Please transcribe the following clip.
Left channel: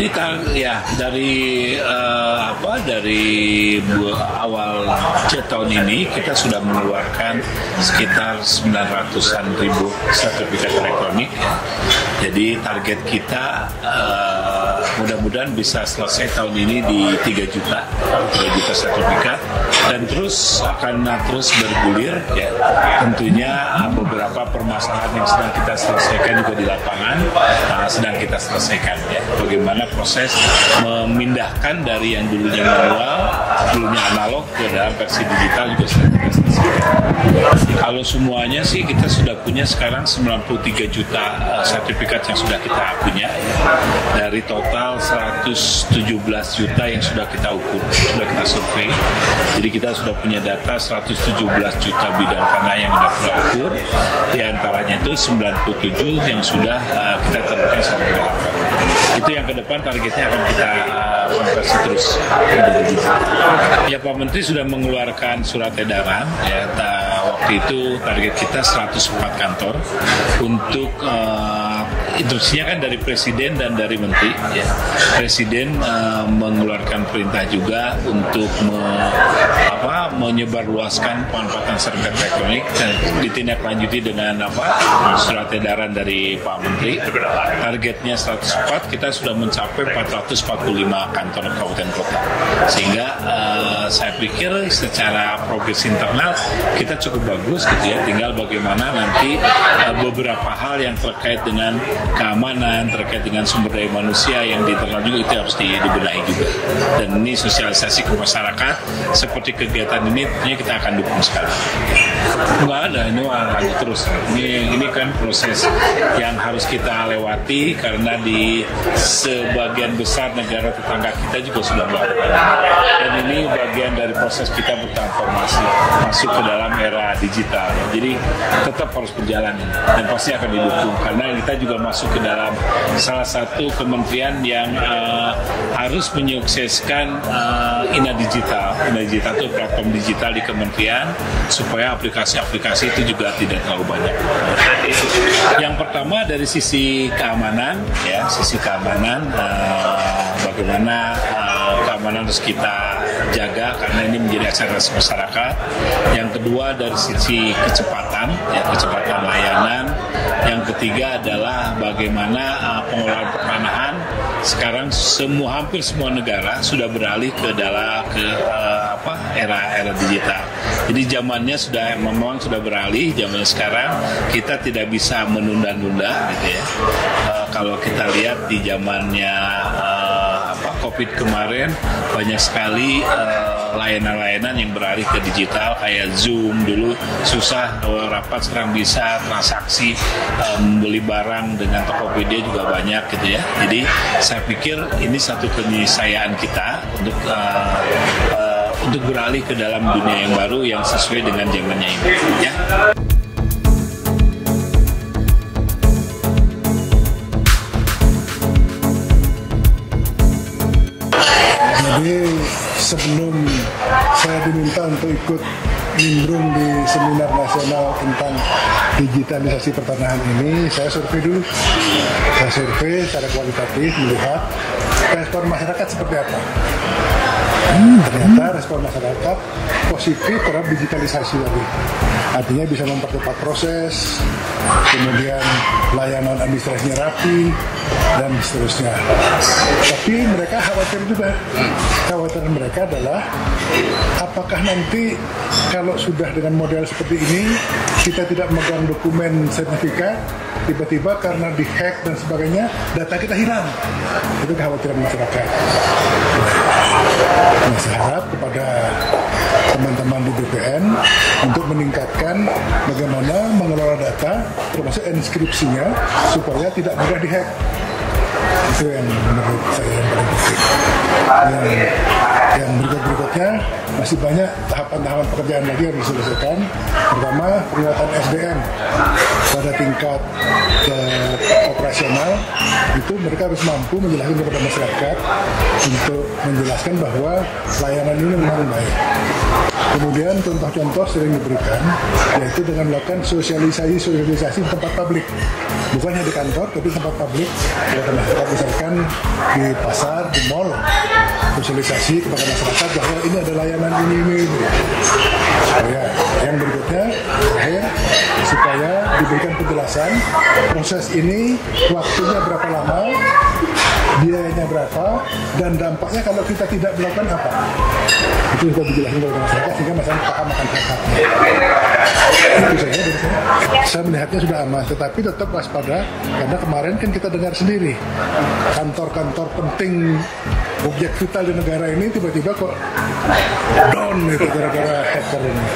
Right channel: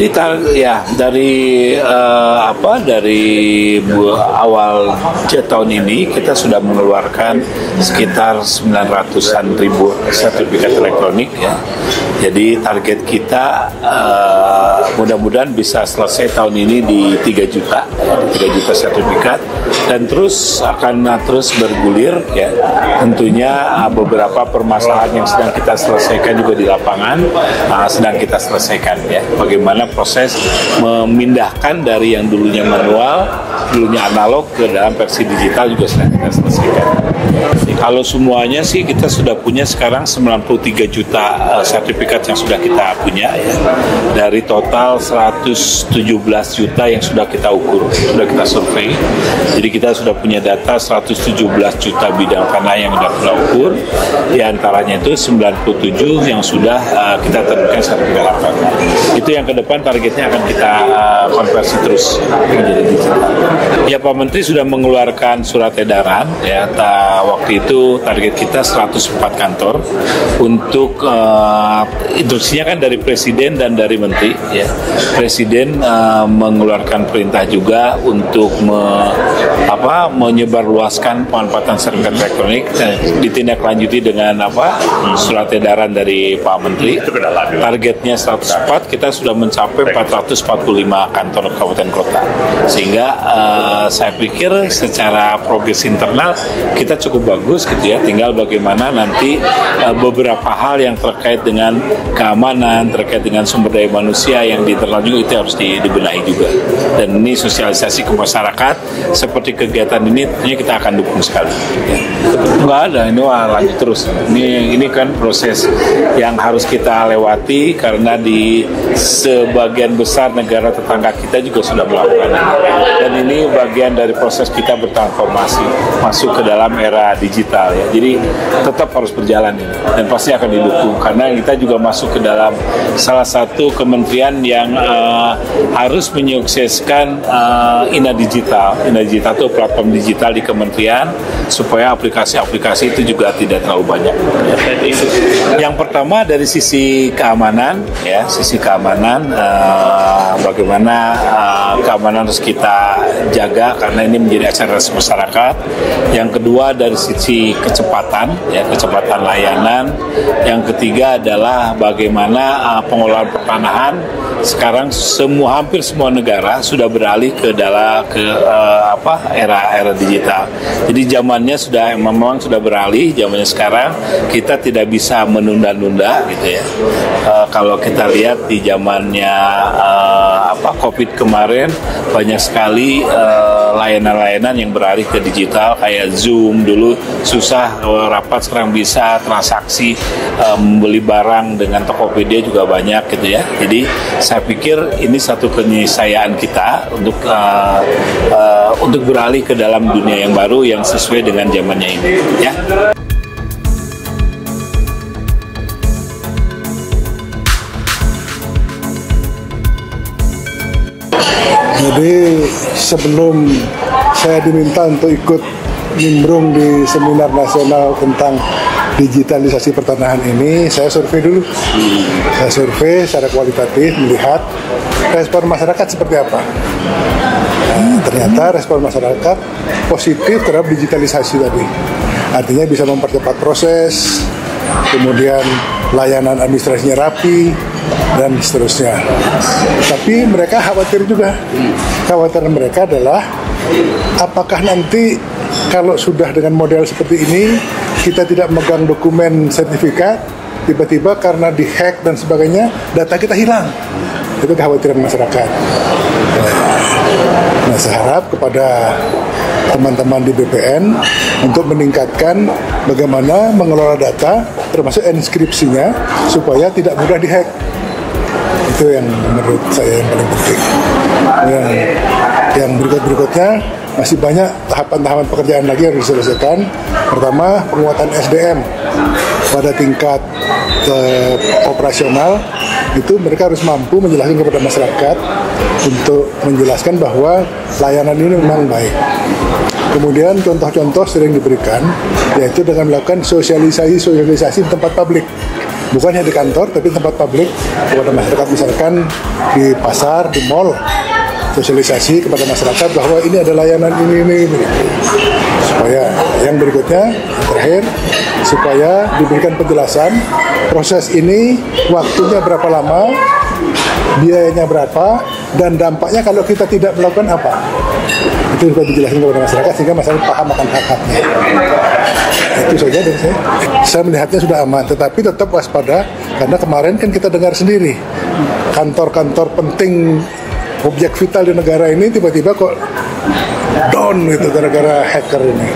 Jadi dari awal tahun ini kita sudah mengeluarkan sekitar 900-an ribu sertifikat elektronik. Ya. Jadi target kita mudah-mudahan bisa selesai tahun ini di 3 juta sertifikat dan terus akan terus bergulir. Ya. Tentunya beberapa permasalahan yang sedang kita selesaikan juga di lapangan sedang kita selesaikan. Ya. Bagaimana proses memindahkan dari yang dulunya manual, dulunya analog ke dalam versi digital juga sedang kita selesaikan. Kalau semuanya sih kita sudah punya sekarang 93 juta sertifikat yang sudah kita punya dari total 117 juta yang sudah kita ukur, sudah kita survei. Jadi kita sudah punya data 117 juta bidang tanah yang sudah kita ukur, di antaranya itu 97 yang sudah kita tentukan sertifikat. Itu yang ke depan targetnya akan kita konversi terus. Ya, Pak Menteri sudah mengeluarkan surat edaran. Ya, waktu itu target kita 104 kantor untuk instruksinya kan dari Presiden dan dari Menteri. Ya. Presiden mengeluarkan perintah juga untuk menyebarluaskan pemanfaatan sertifikat elektronik ditindaklanjuti dengan surat edaran dari Pak Menteri. Targetnya 104, kita sudah mencapai 445 kantor kabupaten kota. Sehingga saya pikir secara progres internal kita cukup bagus gitu ya. Tinggal bagaimana nanti beberapa hal yang terkait dengan keamanan, terkait dengan sumber daya manusia yang di internal juga itu harus dibenahi juga. Dan ini sosialisasi ke masyarakat seperti kegiatan ini kita akan dukung sekali. Enggak ada, ini lanjut terus. Ini kan proses yang harus kita lewati karena di sebagian besar negara tetangga kita juga sudah melakukan. Dan ini bagian dari proses kita bertransformasi masuk ke dalam era digital. Ya. Jadi tetap harus berjalan ini dan pasti akan didukung karena kita juga masuk ke dalam salah satu kementerian yang harus menyukseskan Ina Digital. Ina Digital itu platform digital di kementerian supaya aplikasi-aplikasi itu juga tidak terlalu banyak. Yang pertama dari sisi keamanan, ya sisi keamanan, bagaimana keamanan harus kita jaga karena ini menjadi akselerasi masyarakat. Yang kedua dari sisi kecepatan, ya kecepatan layanan. Yang ketiga adalah bagaimana pengelolaan pertanahan. Sekarang hampir semua negara sudah beralih ke era digital. Jadi zamannya memang sudah beralih. Zamannya sekarang kita tidak bisa menunda-nunda, gitu ya. Kalau kita lihat di zamannya COVID kemarin banyak sekali layanan-layanan yang beralih ke digital kayak Zoom dulu susah rapat sekarang bisa transaksi membeli barang dengan Tokopedia juga banyak gitu ya. Jadi saya pikir ini satu keniscayaan kita untuk beralih ke dalam dunia yang baru yang sesuai dengan zamannya ini ya. Jadi sebelum saya diminta untuk ikut nimbrung di seminar nasional tentang digitalisasi pertanahan ini, saya survei dulu. Saya survei secara kualitatif melihat respon masyarakat seperti apa. Ternyata respon masyarakat positif terhadap digitalisasi tadi. Artinya bisa mempercepat proses, kemudian layanan administrasinya rapi, dan seterusnya. Tapi mereka khawatir juga. Khawatiran mereka adalah apakah nanti kalau sudah dengan model seperti ini kita tidak memegang dokumen sertifikat, tiba-tiba karena dihack dan sebagainya data kita hilang. Itu kekhawatiran masyarakat. Nah, saya harap kepada teman-teman di BPN untuk meningkatkan bagaimana mengelola data termasuk enskripsinya supaya tidak mudah dihack. Itu yang menurut saya yang paling penting. Yang berikutnya masih banyak tahapan-tahapan pekerjaan lagi yang diselesaikan. Pertama, penguatan SDM pada tingkat operasional itu mereka harus mampu menjelaskan kepada masyarakat untuk menjelaskan bahwa layanan ini memang baik. Kemudian contoh-contoh sering diberikan, yaitu dengan melakukan sosialisasi di tempat publik. Bukan hanya di kantor, tapi tempat publik kepada masyarakat, misalkan di pasar, di mall, sosialisasi kepada masyarakat bahwa ini ada layanan ini. Supaya yang berikutnya, terakhir, supaya diberikan penjelasan proses ini waktunya berapa lama, biayanya berapa, dan dampaknya kalau kita tidak melakukan apa. Itu juga dijelaskan kepada masyarakat sehingga masyarakat paham akan hak-haknya. Itu saja dan saya melihatnya sudah aman, tetapi tetap waspada karena kemarin kan kita dengar sendiri kantor-kantor penting, objek vital di negara ini tiba-tiba kok down itu gara-gara hacker ini.